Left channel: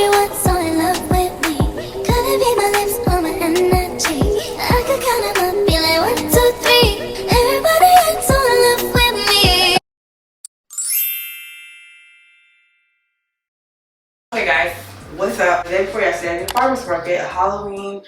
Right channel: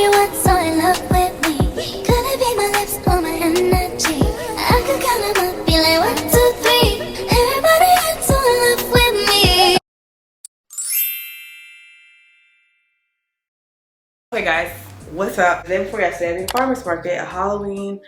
everyone so in love with me. Could it be my lips or my energy? I could count them up, be like 1, 2, 3. Everybody else so in love with me. Hey guys, what's up? The day before yesterday, I did a farmer's market, a Halloween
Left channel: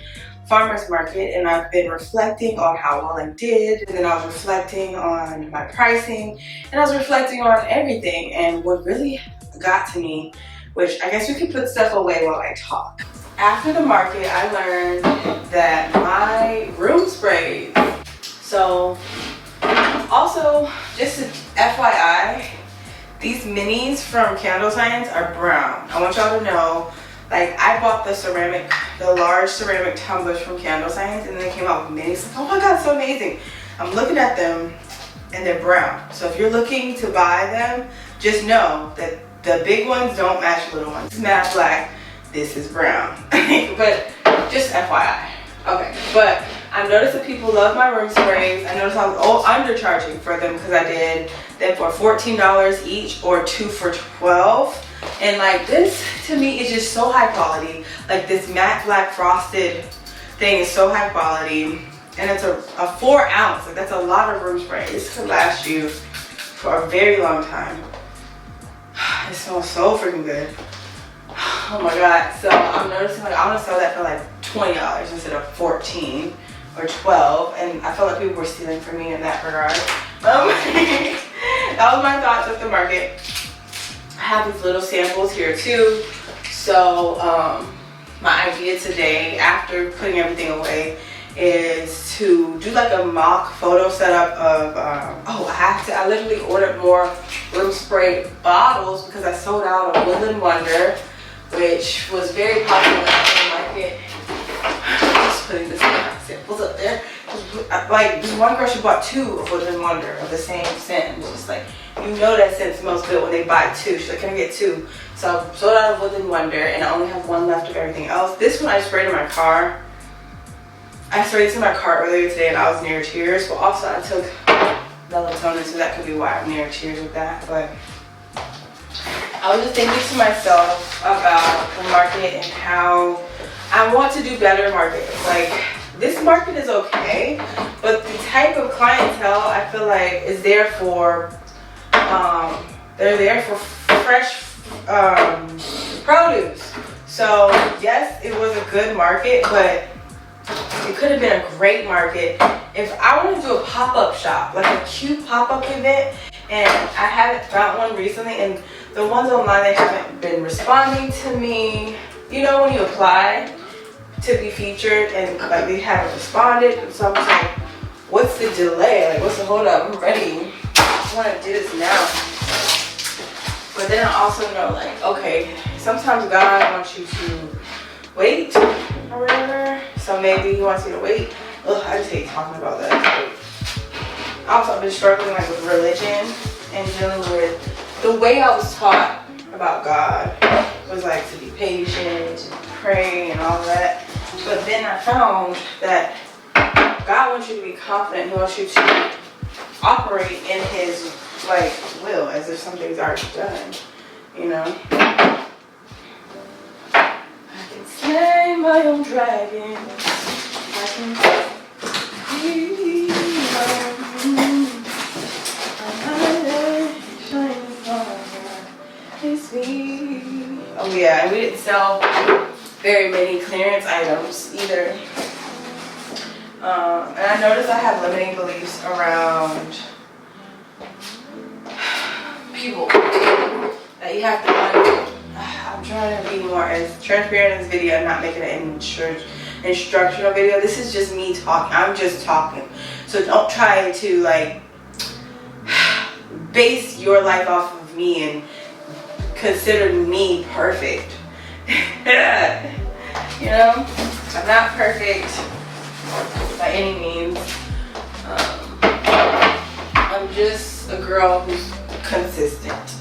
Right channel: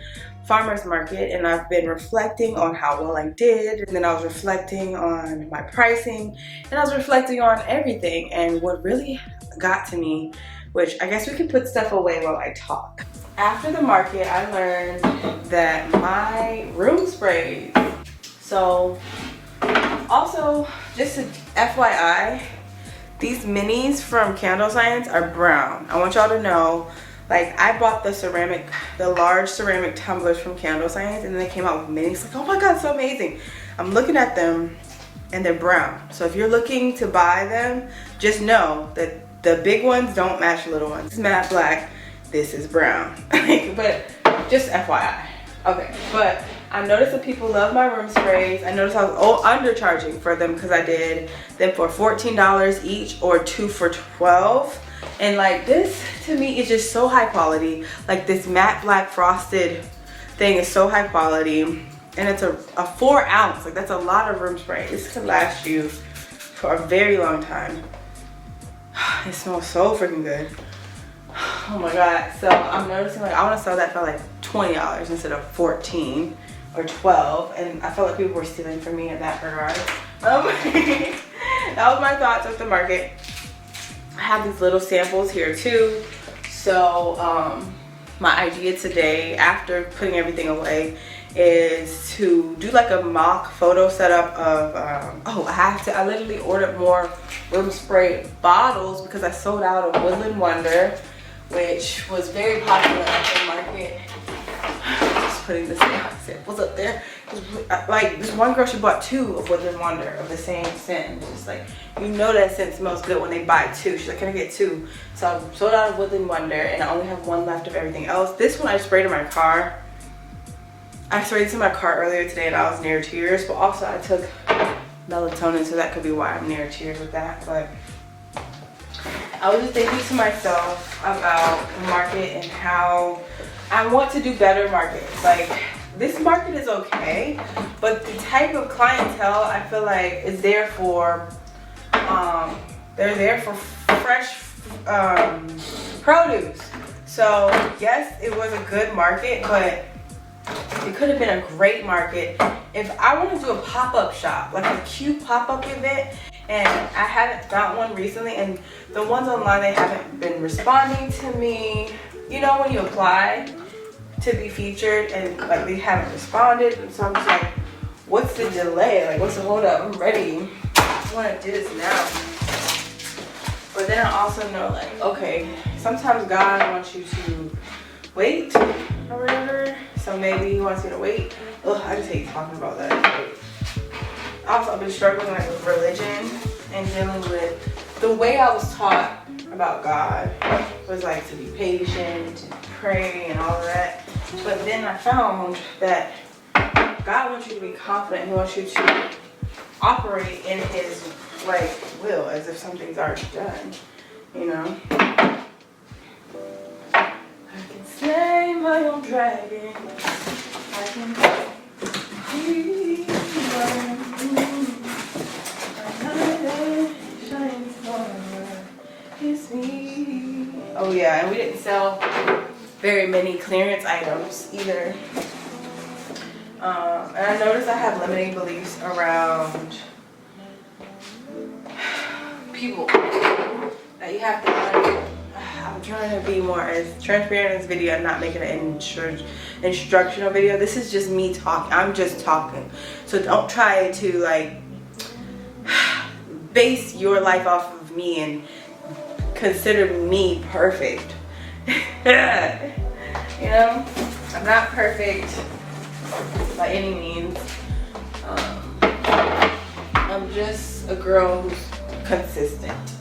farmer's market, and I've been reflecting on how well I did, and then I was reflecting on my pricing, and I was reflecting on everything. And what really got to me, which I guess we could put stuff away while I talk. After the market, I learned that my room sprays, so also just a FYI, these minis from Candle Science are brown. I want y'all to know, like, I bought the large ceramic tumblers from Candle Science, and then they came out with minis. Like, oh my god, so amazing. I'm looking at them and they're brown. So if you're looking to buy them, just know that the big ones don't match the little ones. This is matte black, this is brown. But just FYI. Okay, but I noticed that people love my room sprays. I noticed I was undercharging for them because I did them for $14 each or 2 for $12. And like, this to me is just so high quality. Like, this matte black frosted thing is so high quality, and it's a 4 ounce. Like, that's a lot of room spray. This could last you for a very long time. It smells so freaking good. Oh my god. So I'm noticing, like, I want to sell that for like $20 instead of $14 or $12, and I felt like people were stealing from me in that regard. That was my thoughts with the market. I have these little samples here too. So my idea today, after putting everything away, is to do like a mock photo setup of I literally ordered more room spray bottles because I sold out of Woodland Wonder, which was very popular in the market. Just putting the samples up there. Like, this one girl, she bought 2 of Woodland Wonder of the same scent. And it's just like, you know that scent smells good when they buy 2. She's like, can I get 2? So I sold out of Woodland Wonder, and I only have 1 left of everything else. This one I sprayed in my car. I sprayed this in my car earlier today, and I was near tears. But also I took melatonin, so that could be why I'm near tears with that. But I was just thinking to myself about the market and how I want to do better markets. Like, this market is okay, but the type of clientele I feel like is there for, they're there for fresh produce. So yes, it was a good market, but it could have been a great market if I want to do a pop-up shop, like a cute pop-up event. And I haven't found one recently, and the ones online, they haven't been responding to me. You know, when you apply to be featured and like they haven't responded, and so I'm just like, what's the delay? Like, what's the hold up? I'm ready. I want to do this now. But then I also know, like, okay, sometimes God wants you to wait or whatever. So maybe he wants you to wait. Ugh, I just hate talking about that. Also, I've been struggling like with religion and dealing with the way I was taught about God was like to be patient, to pray, and all that. But then I found that God wants you to be confident. He wants you to operate in His like will, as if something's already done. You know. I can slay my own dragons. I can be my own. Oh yeah, and we didn't sell very many clearance items either. And I noticed I have limiting beliefs around people. That you have to like, I'm trying to be more as transparent in this video. I'm not making an instructional video. This is just me talking. I'm just talking. So don't try to like base your life off of me and consider me perfect. You know, I'm not perfect by any means. I'm just a girl who's consistent.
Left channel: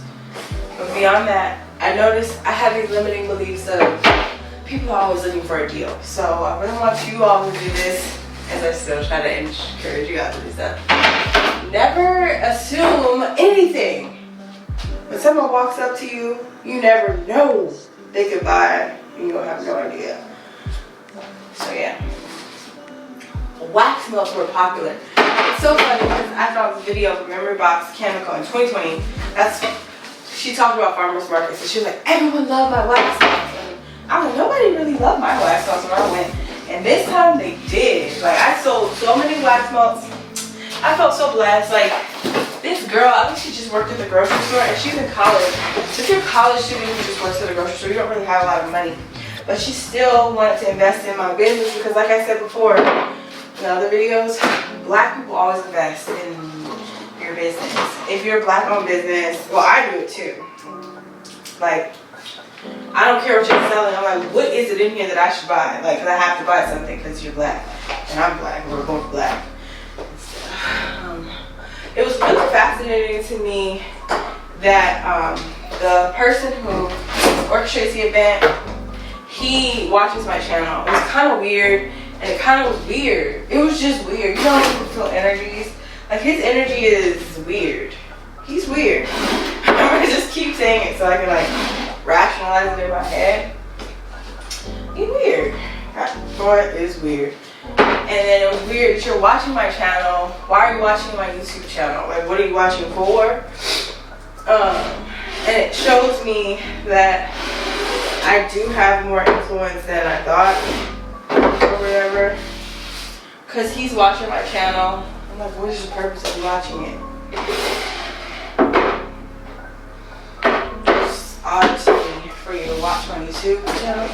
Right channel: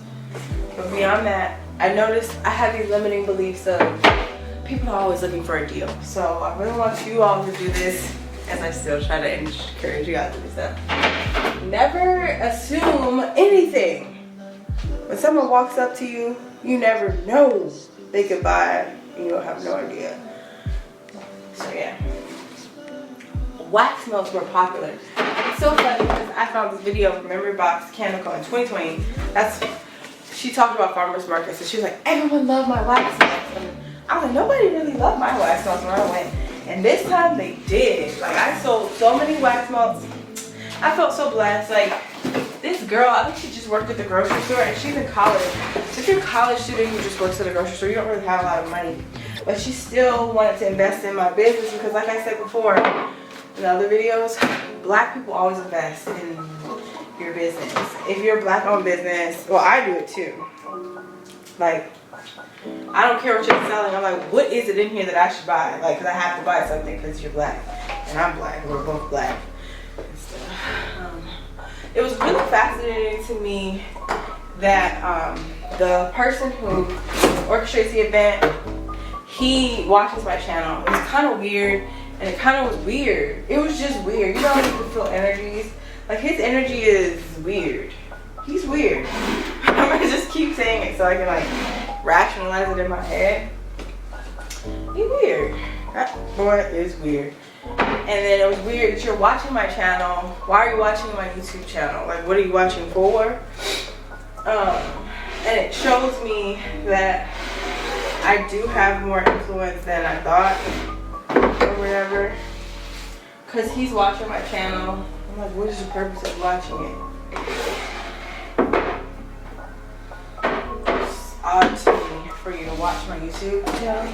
But beyond that, I noticed I have these limiting beliefs of people are always looking for a deal. So I really want you all to do this, as I still try to encourage you guys to do stuff. Never assume anything. When someone walks up to you, you never know they could buy and you'll have no idea. So yeah. Wax melts were popular. It's so funny because I saw this video of Memory Box Chemical in 2020. She talked about farmers markets, so she was like, everyone loved my wax melts. And I was like, nobody really loved my wax melts when I went. And this time they did. Like, I sold so many wax melts. I felt so blessed. Like, this girl, I think she just worked at the grocery store, and she's in college. So if you're a college student who just works at the grocery store, you don't really have a lot of money. But she still wanted to invest in my business because, like I said before in other videos, black people always invest in your business. If you're a black-owned business, well, I do it too. Like, I don't care what you're selling. I'm like, what is it in here that I should buy? Like, 'cause I have to buy something because you're black and I'm black. We're both black. It was really fascinating to me that the person who orchestrates the event, he watches my channel. It was kind of weird, and it kind of was weird. It was just weird. You know when you can feel energies? Like, his energy is weird. He's weird. I'm gonna just keep saying it so I can like rationalize it in my head. He's weird. That boy is weird. And then it was weird that you're watching my channel. Why are you watching my YouTube channel? Like, what are you watching for? And it shows me that I do have more influence than I thought, or whatever. Cause he's watching my channel. I'm like, what is the purpose of watching it? It's odd to me for you to watch my YouTube channel.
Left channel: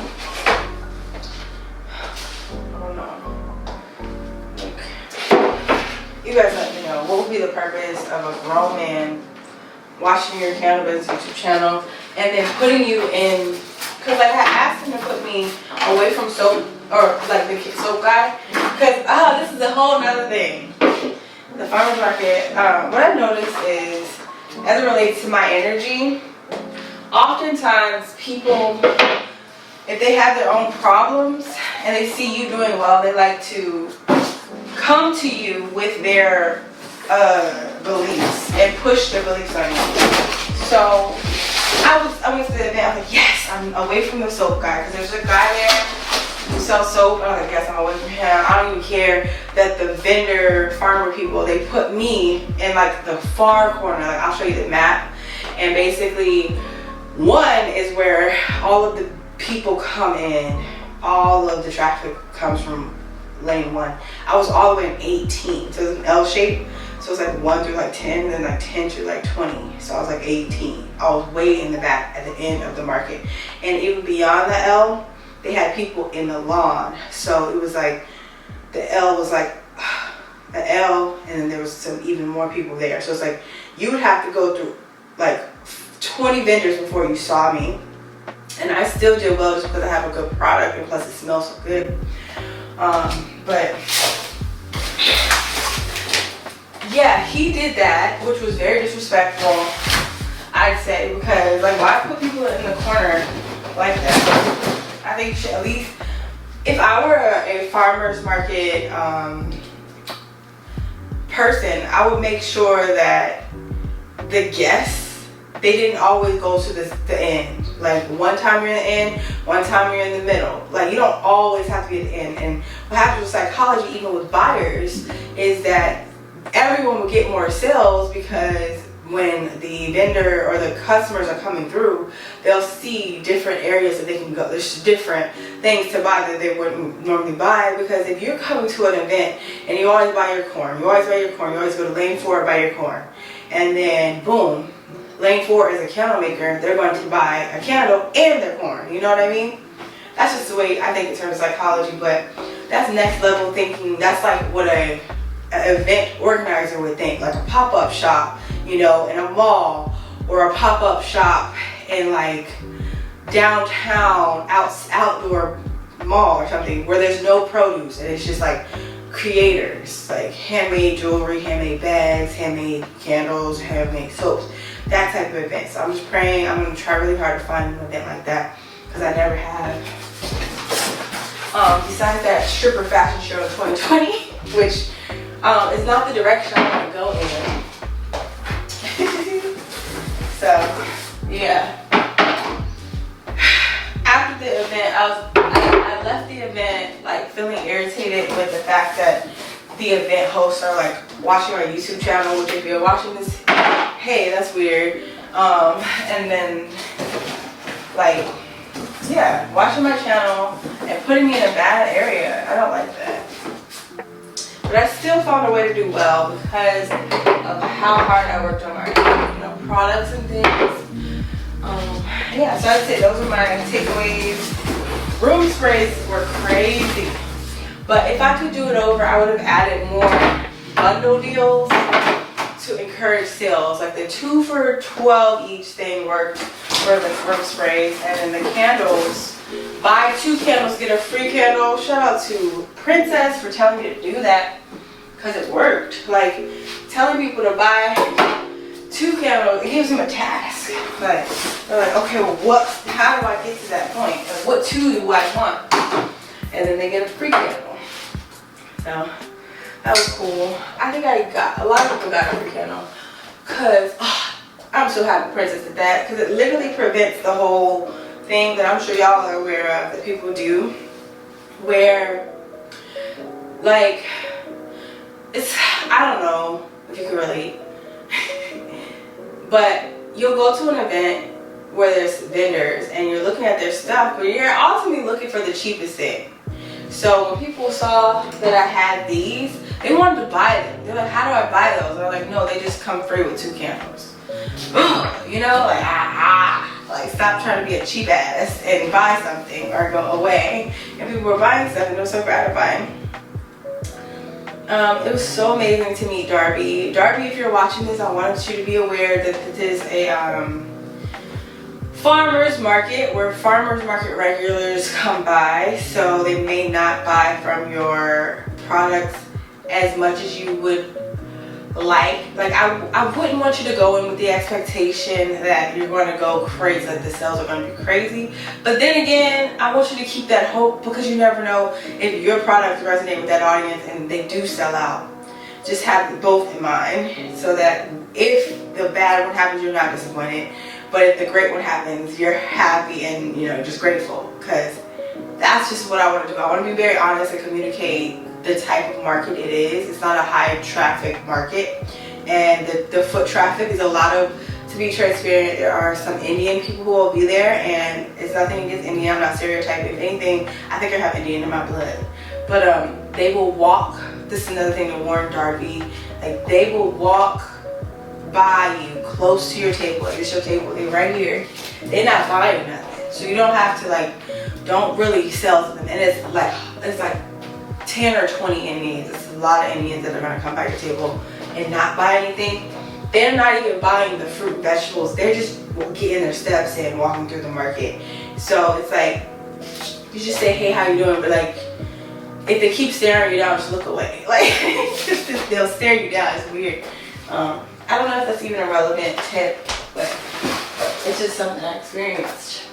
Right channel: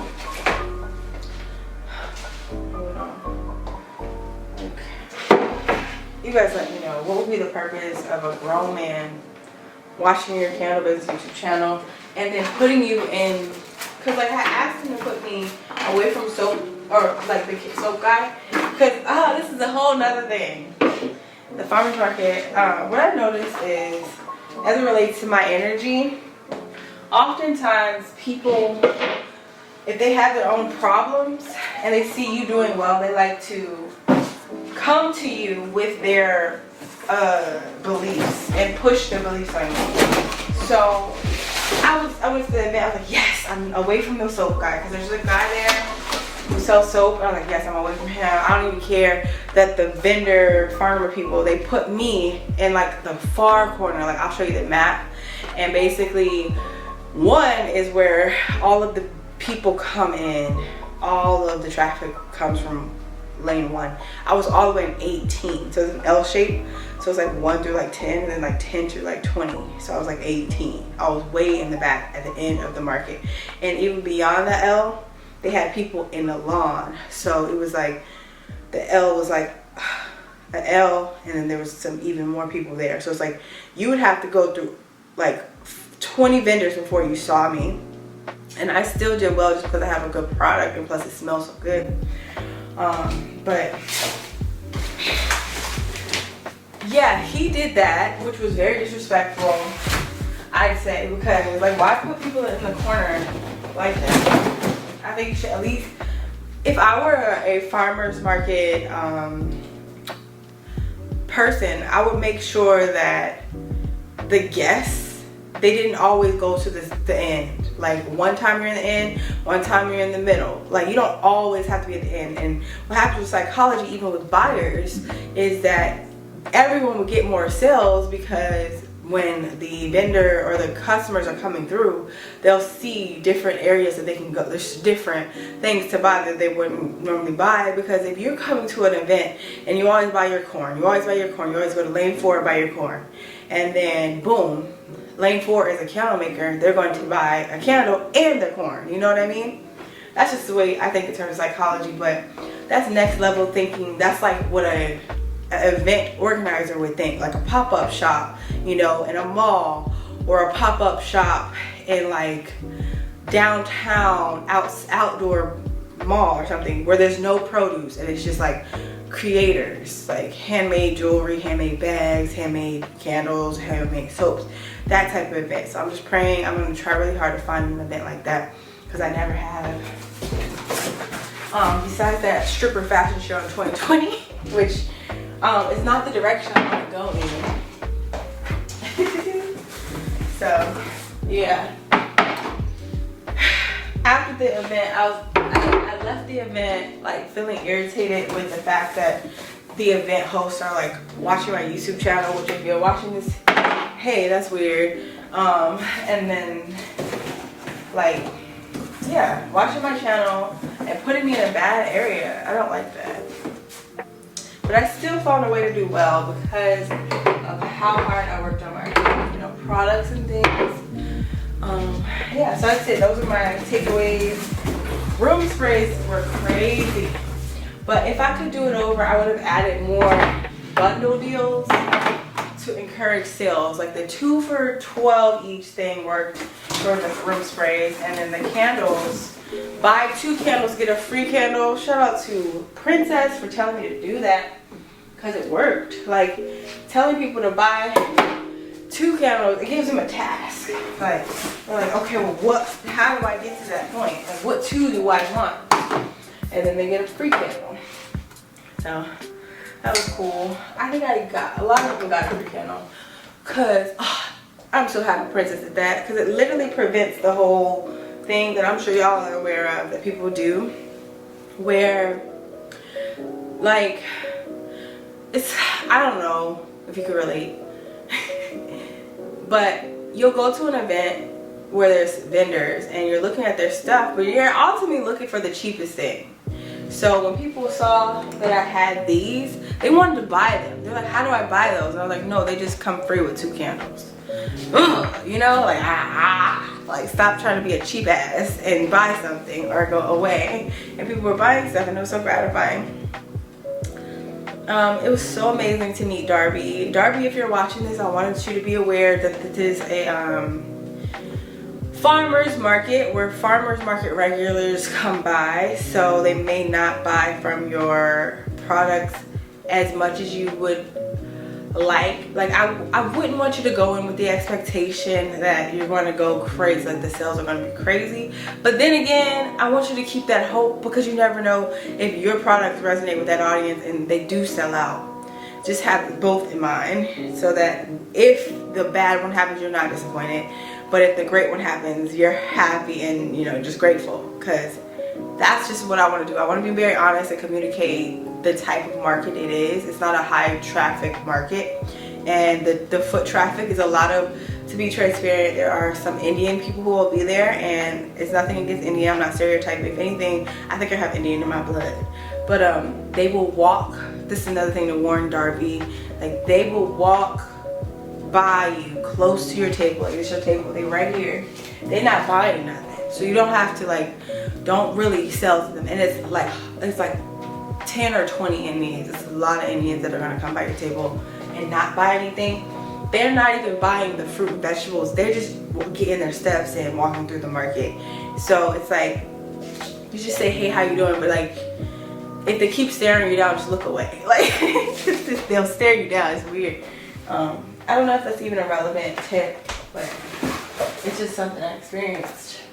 You guys let me know, what would be the purpose of a grown man watching your cannabis YouTube channel and then putting you in, because like I asked him to put me away from soap, or like the soap guy, because this is a whole nother thing. The farmer's market, what I've noticed is, as it relates to my energy, oftentimes people, if they have their own problems and they see you doing well, they like to come to you with their beliefs and push their beliefs on you. So I went to the event. I was like, yes, I'm away from the soap guy, because there's a guy there who sells soap. I was like, yes, I'm away from him. I don't even care that the vendor farmer people, they put me in like the far corner. Like, I'll show you the map, and basically one is where all of the people come in. All of the traffic comes from lane 1. I was all the way in 18, so it's an L shape, so it's like 1 through like 10, and then like 10 through like 20, so I was like 18. I was way in the back at the end of the market, and even beyond the L, they had people in the lawn. So it was like the L was like the L, and then there was some even more people there. So it's like you would have to go through like 20 vendors before you saw me, and I still did well just because I have a good product, and plus it smells so good. But yeah, he did that, which was very disrespectful, I'd say, because like, why put people in the corner like that? I think you should at least, if I were a farmer's market person, I would make sure that the guests, they didn't always go to the end. Like, one time you're in the end, one time you're in the middle. Like, you don't always have to be at the end. And what happens with psychology, even with buyers, is that everyone will get more sales, because when the vendor or the customers are coming through, they'll see different areas that they can go. There's different things to buy that they wouldn't normally buy, because if you're coming to an event and you always buy your corn, you always go to lane 4 and buy your corn, and then boom, lane 4 is a candle maker, they're going to buy a candle and their corn. You know what I mean? That's just the way I think in terms of psychology, but that's next level thinking. That's like what an event organizer would think, like a pop-up shop, you know, in a mall, or a pop-up shop in like downtown outdoor mall or something, where there's no produce and it's just like creators, like handmade jewelry, handmade bags, handmade candles, handmade soaps, that type of event. So I'm just praying. I'm going to try really hard to find an event like that, because I never have. Besides that stripper fashion show in 2020, which is not the direction I want to go in. So yeah, I left the event like feeling irritated with the fact that the event hosts are like watching my YouTube channel, which if you're watching this, hey, that's weird. And then like, yeah, watching my channel and putting me in a bad area. I don't like that. But I still found a way to do well because of how hard I worked on my, products and things. Yeah, so that's it. Those are my takeaways. Room sprays were crazy. But if I could do it over, I would have added more bundle deals to encourage sales. Like the 2 for $12 each thing worked for the room sprays. And then the candles, buy 2 candles, get a free candle. Shout out to Princess for telling me to do that because it worked. Like telling people to buy 2 candles, it gives them a task. Like they're like, okay, well how do I get to that point? Like, what 2 do I want? And then they get a free candle. So that was cool. I think a lot of people got a free candle because I'm so happy Princess did that because it literally prevents the whole thing that I'm sure y'all are aware of that people do, where like I don't know if you can relate, but you'll go to an event where there's vendors and you're looking at their stuff, but you're ultimately looking for the cheapest thing. So when people saw that I had these, they wanted to buy them. They're like, how do I buy those? I'm like, no, they just come free with 2 candles. Like stop trying to be a cheap ass and buy something or go away. And people were buying stuff and it was so gratifying. It was so amazing to meet Darby. Darby, if you're watching this, I wanted you to be aware that this is a farmers market where farmers market regulars come by, so they may not buy from your products as much as you would like I wouldn't want you to go in with the expectation that you're going to go crazy, like the sales are going to be crazy. But then again, I want you to keep that hope because you never know if your products resonate with that audience and they do sell out. Just have both in mind so that if the bad one happens, you're not disappointed. But if the great one happens, you're happy and just grateful, because that's just what I want to do. I want to be very honest and communicate the type of market it is. It's not a high traffic market, and the foot traffic is a lot of, to be transparent, there are some Indian people who will be there, and it's nothing against Indian, I'm not stereotyping. If anything, I think I have Indian in my blood. But they will walk, this is another thing to warn Darby, like they will walk by you close to your table. Like it's your table, they right here. They're not buying nothing. So you don't have to don't really sell to them. And it's like 10 or 20 Indians. It's a lot of Indians that are gonna come by your table and not buy anything. They're not even buying the fruit, vegetables. They're just getting their steps in, walking through the market. So it's like, you just say, hey, how you doing? But like, if they keep staring you down, just look away. Like, they'll stare you down, it's weird. I don't know if that's even a relevant tip, but it's just something I experienced.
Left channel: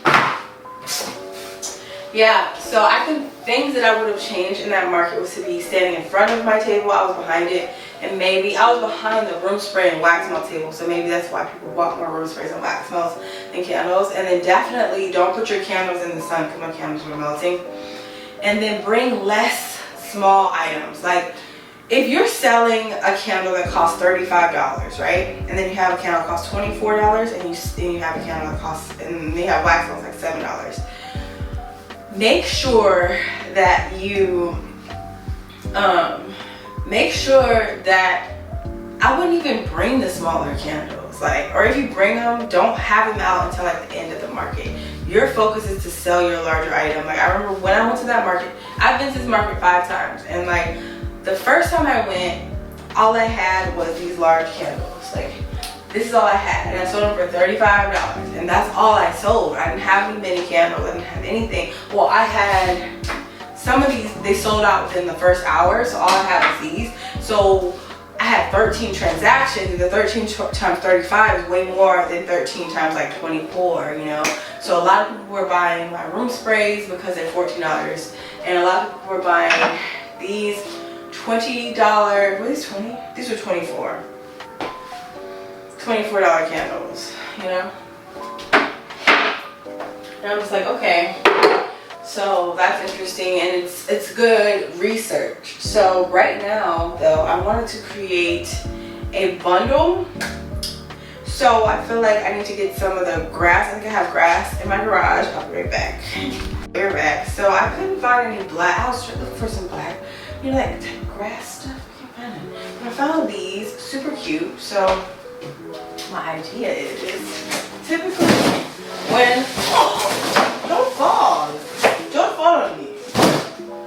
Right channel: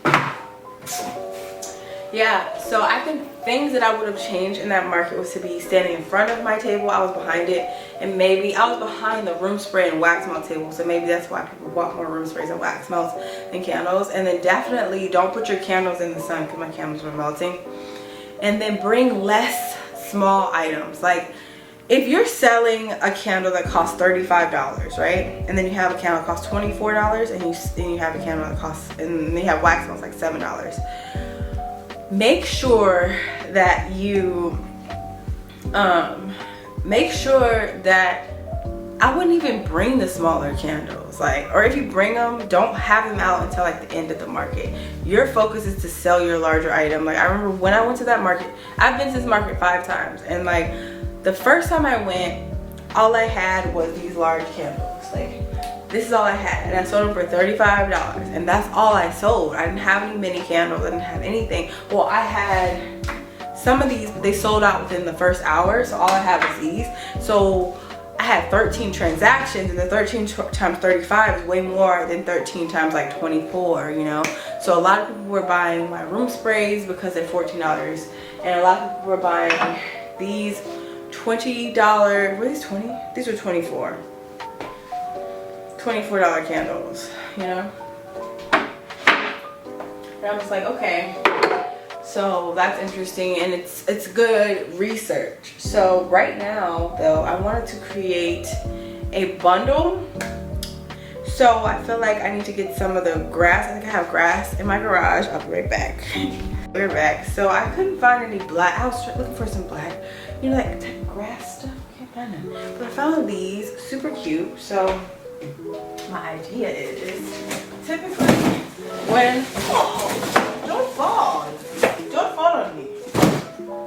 Yeah, so I think things that I would have changed in that market was to be standing in front of my table. I was behind it, and maybe I was behind the room spray and wax melt table, so maybe that's why people bought more room sprays and wax melts than candles. And then definitely don't put your candles in the sun because my candles were melting. And then bring less small items. Like, if you're selling a candle that costs $35, right? And then you have a candle that costs $24, and you have a candle that costs, and they have wax melts like $7. Make sure that you, make sure that I wouldn't even bring the smaller candles. Like, or if you bring them, don't have them out until like the end of the market. Your focus is to sell your larger item. Like, I remember when I went to that market, I've been to this market 5 times, and like, the first time I went, all I had was these large candles. Like, this is all I had, and I sold them for $35, and that's all I sold. I didn't have any mini candles, I didn't have anything. Well, I had some of these, they sold out within the first hour, so all I had was these. So I had 13 transactions, and the 13 times 35 is way more than 13 times like 24, So a lot of people were buying my room sprays because they're $14, and a lot of people were buying these $20, were these 20? These are 24. $24 candles, And I'm just like, okay. So that's interesting, and it's good research. So right now though, I wanted to create a bundle. So I feel like I need to get some of the grass. I think I have grass in my garage. I'll be right back. We're back. So I couldn't find any black. I was looking for some black, you know, like type of grass stuff. I can't find it. But I found these super cute. So my idea is typically when don't fall on me.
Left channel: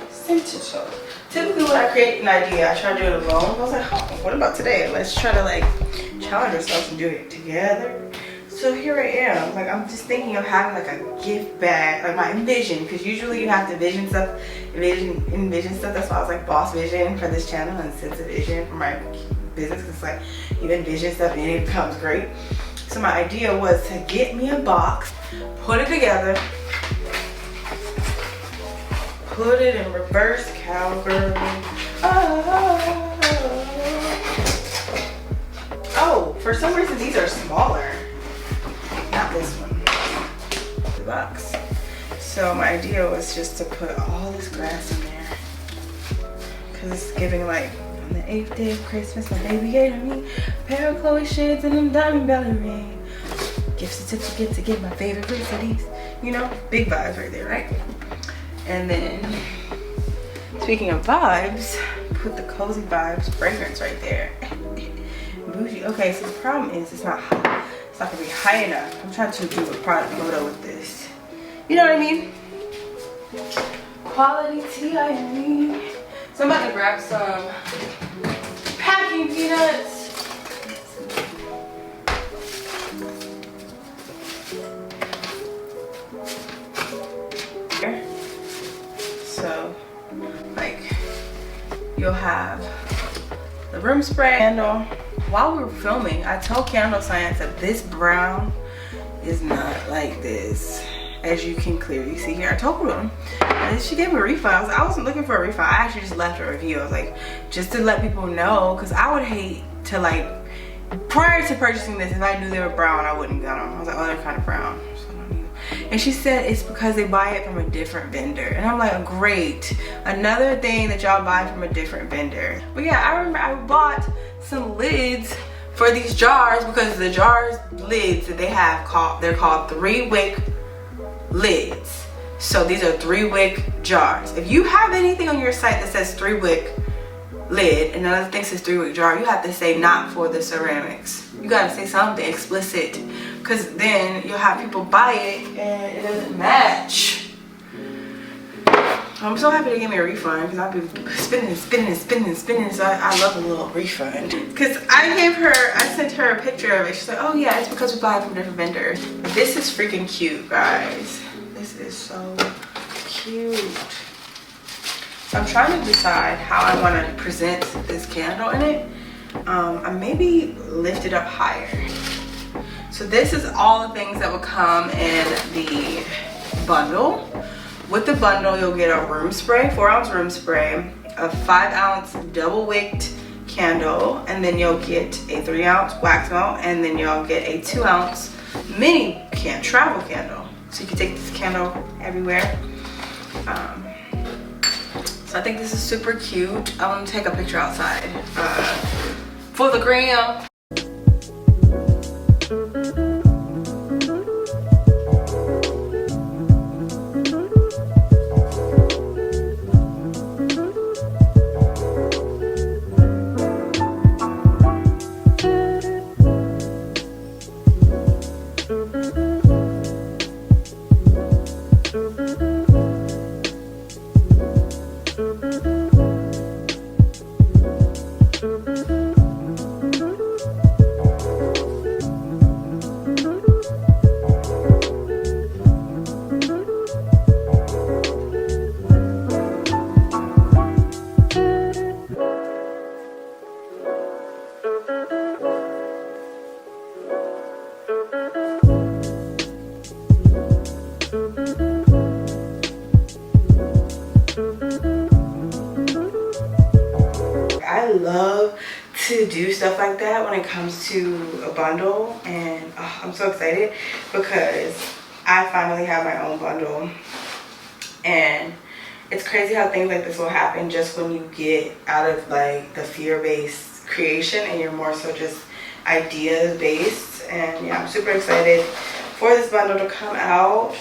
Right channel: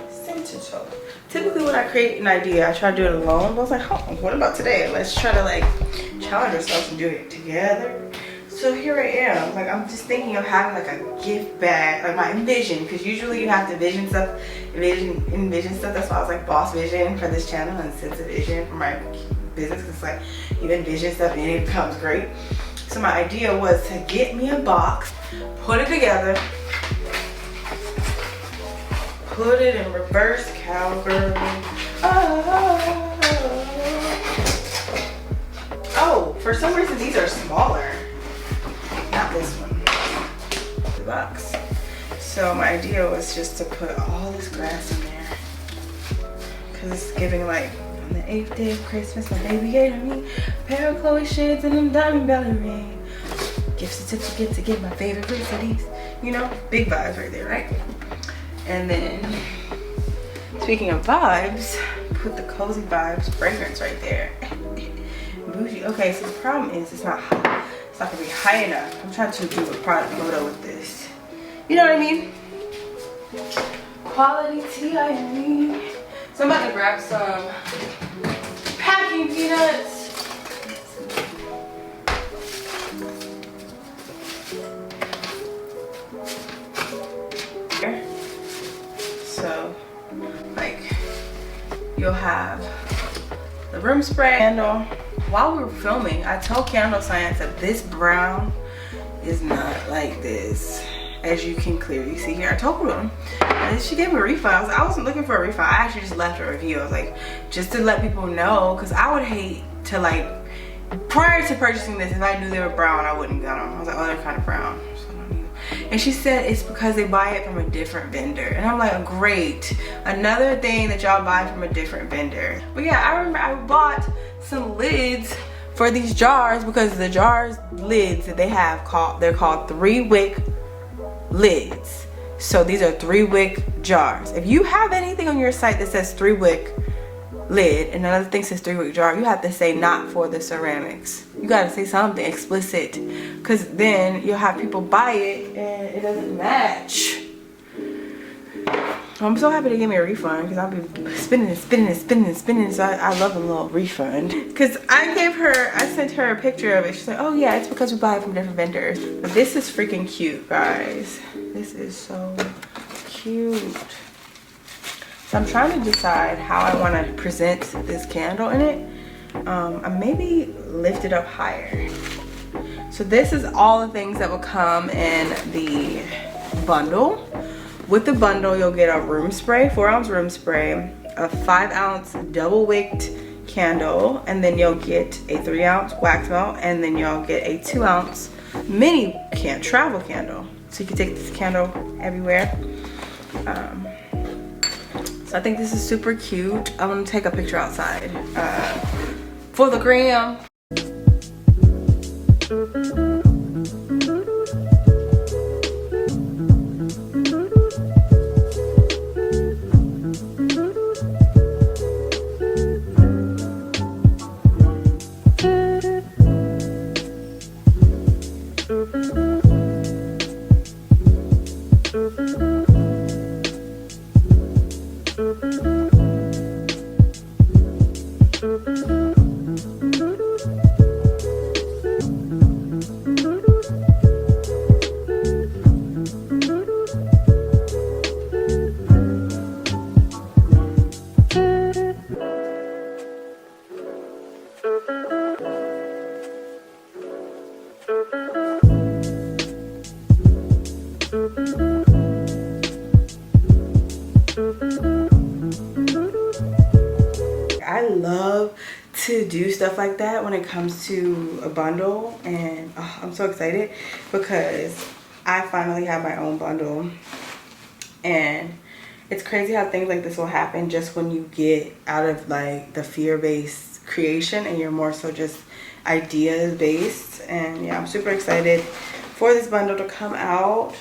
Sensitive. Typically when I create an idea, I try to do it alone. I was like, oh, what about today? Let's try to like challenge ourselves and do it together. So here I am. Like, I'm just thinking of having like a gift bag, like my envision, because usually you have to envision stuff. That's why I was like boss vision for this channel and sense of vision for my business. It's like you envision stuff and it becomes great. So my idea was to get me a box, put it together, put it in reverse cowgirl. Oh, for some reason these are smaller. Not this one. The box. So my idea was just to put all this grass in there. Cause it's giving like on the 8th day of Christmas, my baby gave me a pair of Chloe shades and a diamond belly ring. Gift certificate to get my favorite recipes. You know, big vibes right there, right? And then, speaking of vibes, put the cozy vibes fragrance right there. Bougie. Okay, so the problem is it's not high. It's not gonna be high enough. I'm trying to do a product photo with this. You know what I mean? Quality tea, I mean. So I'm about to grab some packing peanuts. So, like, you'll have the room spray candle. While we were filming, I told Candle Science that this brown is not like this, as you can clearly see here. I told them, and she gave me a refund. I wasn't looking for a refund. I actually just left a review. I was like, just to let people know, because I would hate to, like, prior to purchasing this, if I knew they were brown, I wouldn't get them. I was like, oh, they're kind of brown. And she said it's because they buy it from a different vendor. And I'm like, great. Another thing that y'all buy from a different vendor. But yeah, I remember I bought some lids for these jars because the jars lids that they have they're called 3-wick lids. So these are 3-wick jars. If you have anything on your site that says 3-wick lid and another thing says 3-wick jar, you have to say not for the ceramics. You gotta say something explicit, because then you'll have people buy it and it doesn't match. I'm so happy they gave me a refund, because I've been spending, so I love a little refund. Because I sent her a picture of it. She's like, oh yeah, it's because we buy it from different vendors. This is freaking cute, guys. This is so cute. So I'm trying to decide how I want to present this candle in it. I maybe lift it up higher. So this is all the things that will come in the bundle. With the bundle, you'll get a room spray, 4-ounce room spray, a 5-ounce double wicked candle, and then you'll get a 3-ounce wax melt, and then you'll get a 2-ounce mini travel candle. So you can take this candle everywhere. So I think this is super cute. I'm gonna take a picture outside for the gram. I love to do stuff like that when it comes to a bundle, and I'm so excited because I finally have my own bundle And it's crazy how things like this will happen just when you get out of like the fear-based creation and you're more so just ideas based. And yeah, I'm super excited for this bundle to come out.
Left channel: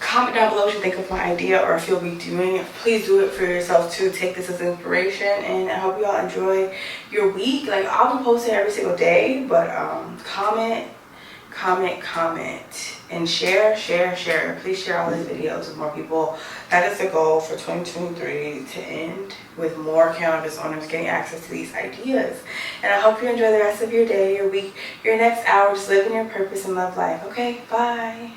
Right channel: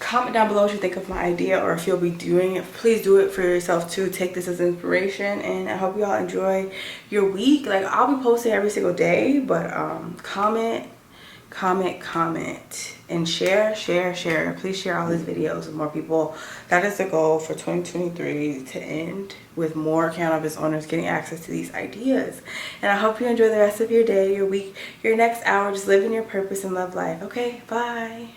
Comment down below what you think of my idea, or if you'll be doing it. Please do it for yourself too. Take this as inspiration, and I hope you all enjoy your week. Like, I'll be posting every single day, but comment, and share. Please share all these videos with more people. That is the goal for 2023, to end with more cannabis owners getting access to these ideas. And I hope you enjoy the rest of your day, your week, your next hour. Just living your purpose and love life. Okay, bye.